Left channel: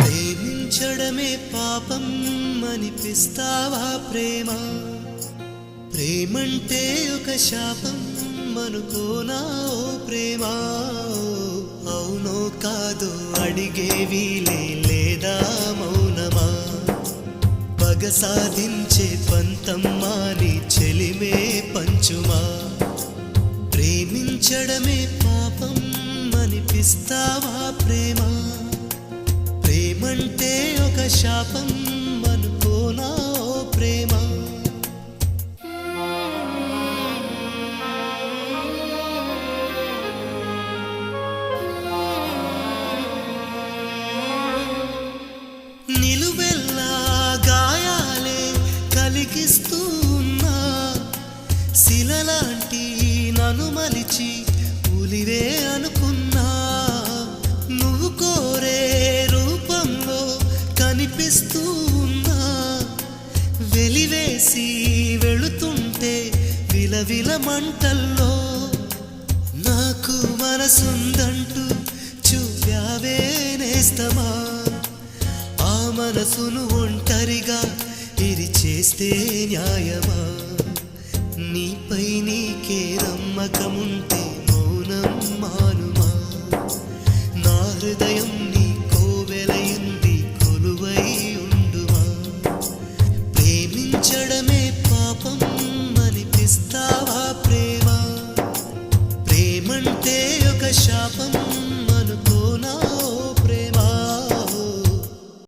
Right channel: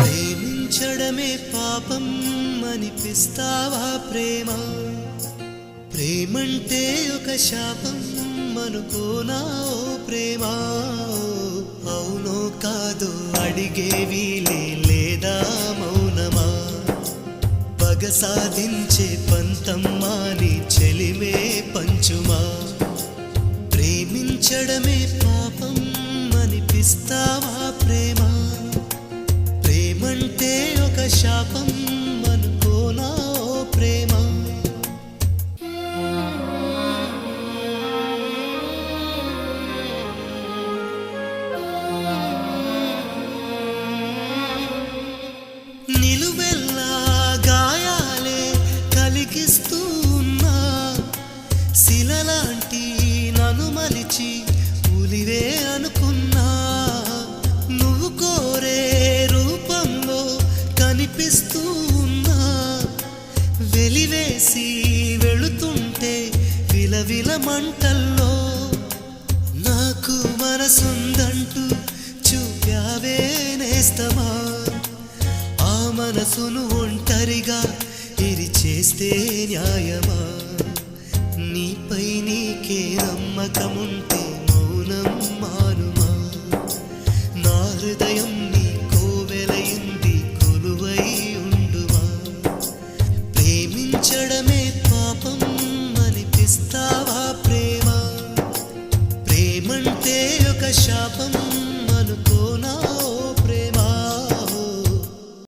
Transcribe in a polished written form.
ప్రేమించడమే పాపం అనిపిస్తావా ప్రేమ? ప్రేమంటే ఒక శాపం అనుకోనా ఓ ప్రేమ? అవునో కాదో అడిగేవి లేదా మౌనమా? పగ సాధించే పంతమ్మా నీ చెలిమే పంచుమా? ప్రేమించడమే పాపం అనిపిస్తావా ప్రేమ? ప్రేమంటే ఒక శాపం అనుకోనా ఓ ప్రేమ? నిలువెల్లా గాయాలే కలిగిస్తూ ఉన్నా, శిలలాంటి నన్ను మలిచి ఉలివే అనుకున్నా. నువ్వు కోరే రూపంలో కనిపిస్తూ ఉన్నా, వెలివేసి వెళుతుంటే విలవిల మంటల్లో. నాకు మనసుందంటూ చూపావే నేస్తమా, ఆ మనసును ఒంటరిగా ఇరిచేస్తే న్యాయమా? నీపై నీకే నమ్మకముంటే మౌనం మానుమా? నా హృదయం నీ కోవెలయింది కొలువై ఉండుమా? ప్రేమించడమే పాపం అనిపిస్తావా ప్రేమ? ప్రేమంటే ఒక శాపం